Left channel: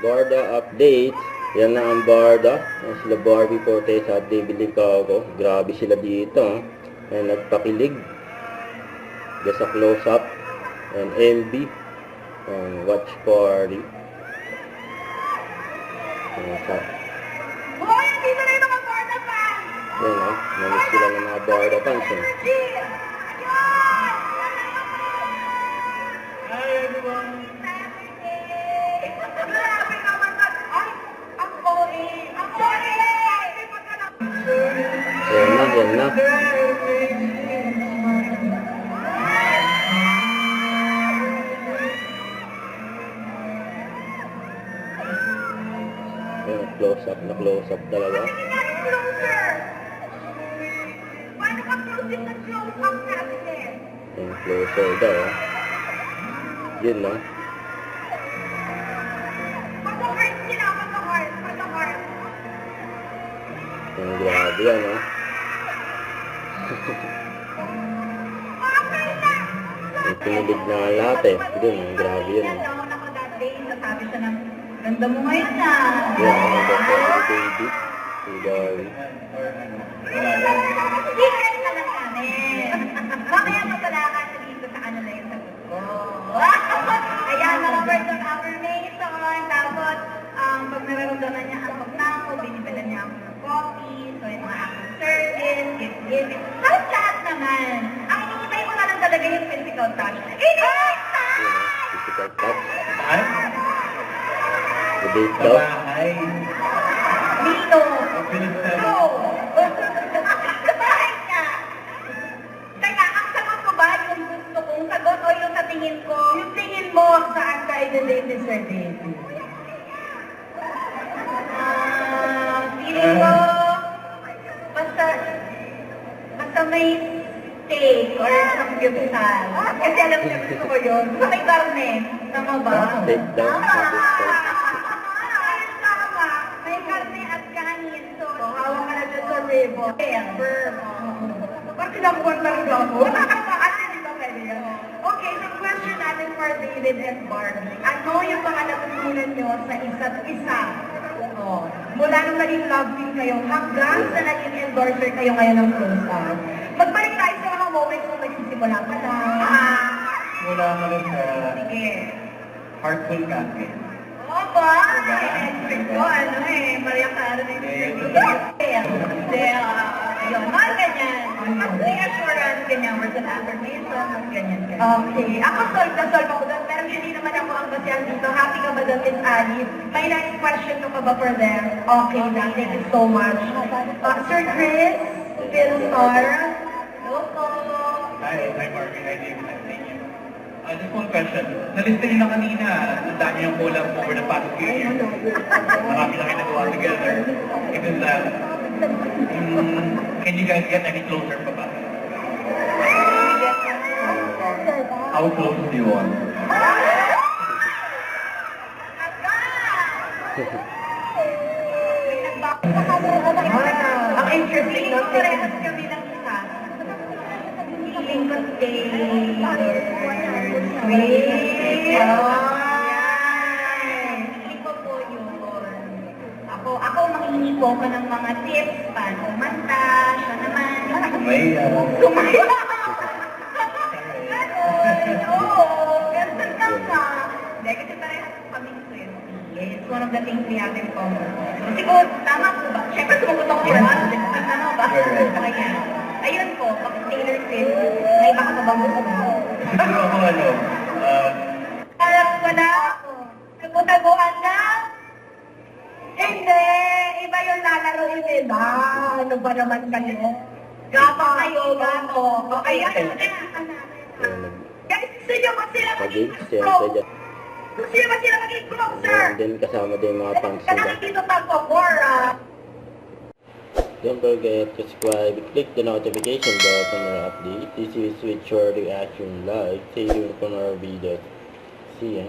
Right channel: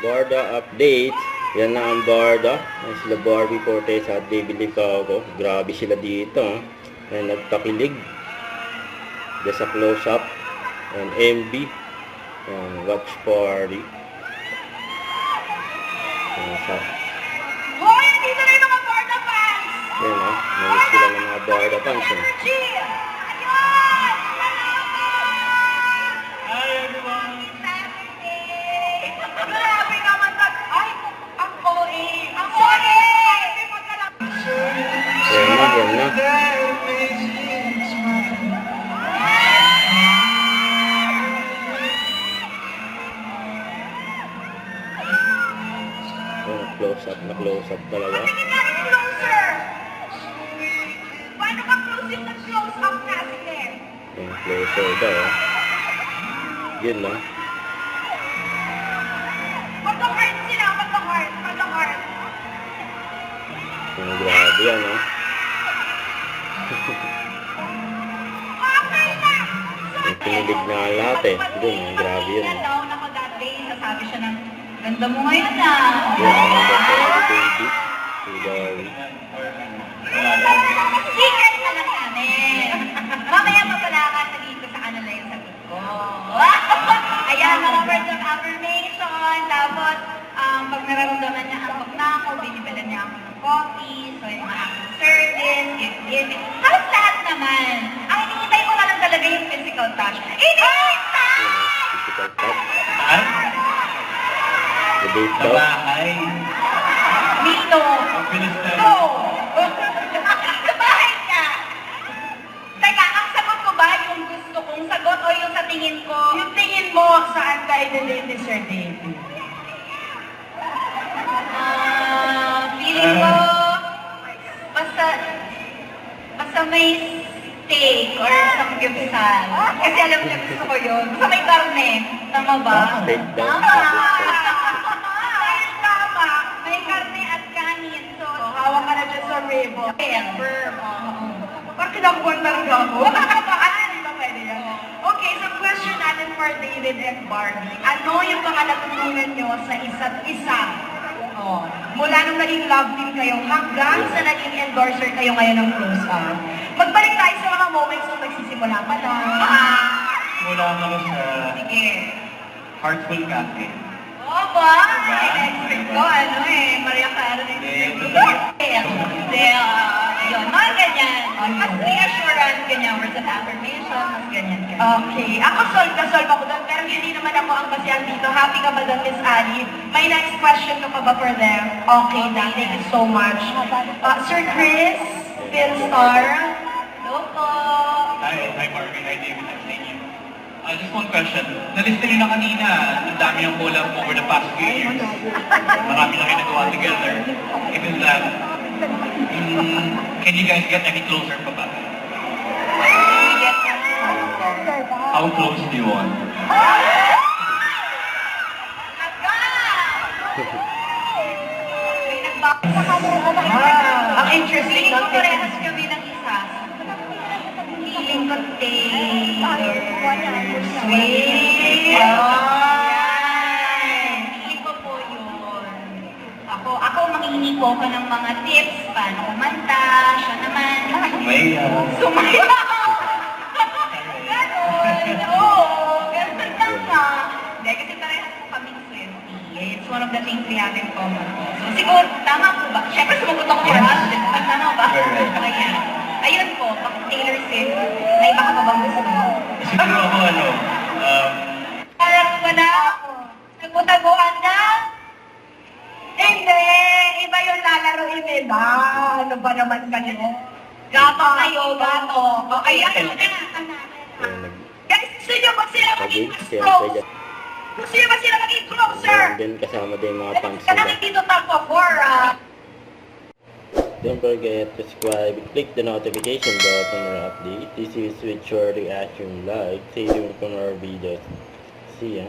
Barda update. Yan na ang Barda. Yan sila Barbie Fortes at Baby ako. Grabe sila dito. Ay nagpakilig. Just a close up. And MB. Watch party. Hoy, dito na yung mga Barda fans! Yan o. Namiss sila ng mga Barda fans. Energy! Hi everyone! Grabe naman na. Ay, ang OA. Ang OA! Yan na. Close up talaga. Tingin natin closer. Paano ka close na close up natin eh? Yung closer daw. Yun na. Pag-heart sila, pag-heart. Yung grabe yan o. Okay na! Yung pinilig na lahat eh. Doon, grabe yun. Down ako that day, sasabi siya ng, ganda mo ngayon ah. Yan, ang ganda ng baby. Si Gary. Secret na lang namin. Mamaya mapalakan na dito sa kanila yung sagot ko. Ayan, mga words of affirmation. Tapos, pag nararamdaman niya ang na ako, binibilan niya ako ng coffee. So, yung mga acting service, gift. Halos lahat naman. Ang hinihintay ko na lang talaga yung physical touch. Hinihintay! Physical touch. Saan? The date Sa daw. bahay. Dito. Pinista. No! Bakit ka? Teka, ang sagot ko ba yung gusto kong sagot o yung sa tingin ko? Yung tingin mo saan tayo nilin ni Sir David? Feeling ko, basta may steak or samgyupsal. Kasi alam niya gusto ko yun. Basta may karne. Tama ba? Steak daw. Tama. May karne at kanin. So, Hawak ka na dyan sa rebo. firm. Bakit kinakuha talaga ako? Hindi ba pwede yan? Okay, so question natin for David and Barbie. Ano yung mga natutunan nyo sa isa't isa? Oh, mula nung naging love team kayo hanggang sa naging endorser kayo ngayon ng Close Up. Magbalik tayo sa mga moments nung nagsisimula pa lang. Mula ka na sa Sige. Heartful Cafe. Oo ba? Diba? Expert ko, Maria Carmen. Hindi, Ayun, mga ganyan. Mas reassurance, ganyan, words of affirmation, mas ganyan. Okay, ako solve ako doon, pero hindi naman ako ang basihan dito. Happy ka ba doon, Miss Ali? May next question ka ba for them? Okay, thank you so much. Sir Chris, Phil Star. Hello po. Hi Barbie. Hi David. Nice seeing you. Just one question. Nalista niyo na kanina, ang dami yung collab over the past few years. Marami na kayo nagawa together. Even that, can you guys get any closer pa ba? How close do you want? Ang interesting Feeling ko parehas kami ng isa. Feeling ko Taylor Swift. Feeling ko po yun. Ako mangingi po ako ng mga tips, paano kumanta, siya naman. Sumaya! Ganon! Oo, ganon lang ka. Hindi, kasi parehas po kaming Swiftie. It's one of the things we have in common. So, siguro, tama po ba? Siyempre, sumagot ako for us. Tama ba? Ayan. Ayun po, pag Taylor Swift, may baka pa bang gusto mo? Siguro ako Alam ko na, nagkutaguan na. Hindi! Iba yung lalaroin nila. Ano ba naman kayo? Gato kayo, gato. Okay, Ay, guys, gusto nyo ba sila maging Pag-games yan. close? Gusto nyo ba sila maging closer? And then kasama din yung mga fans Kaya nila. dito tapo for, Don't forget to subscribe and click the notification bell for more updates. This is with your reaction live. Stay tuned for more videos. See ya.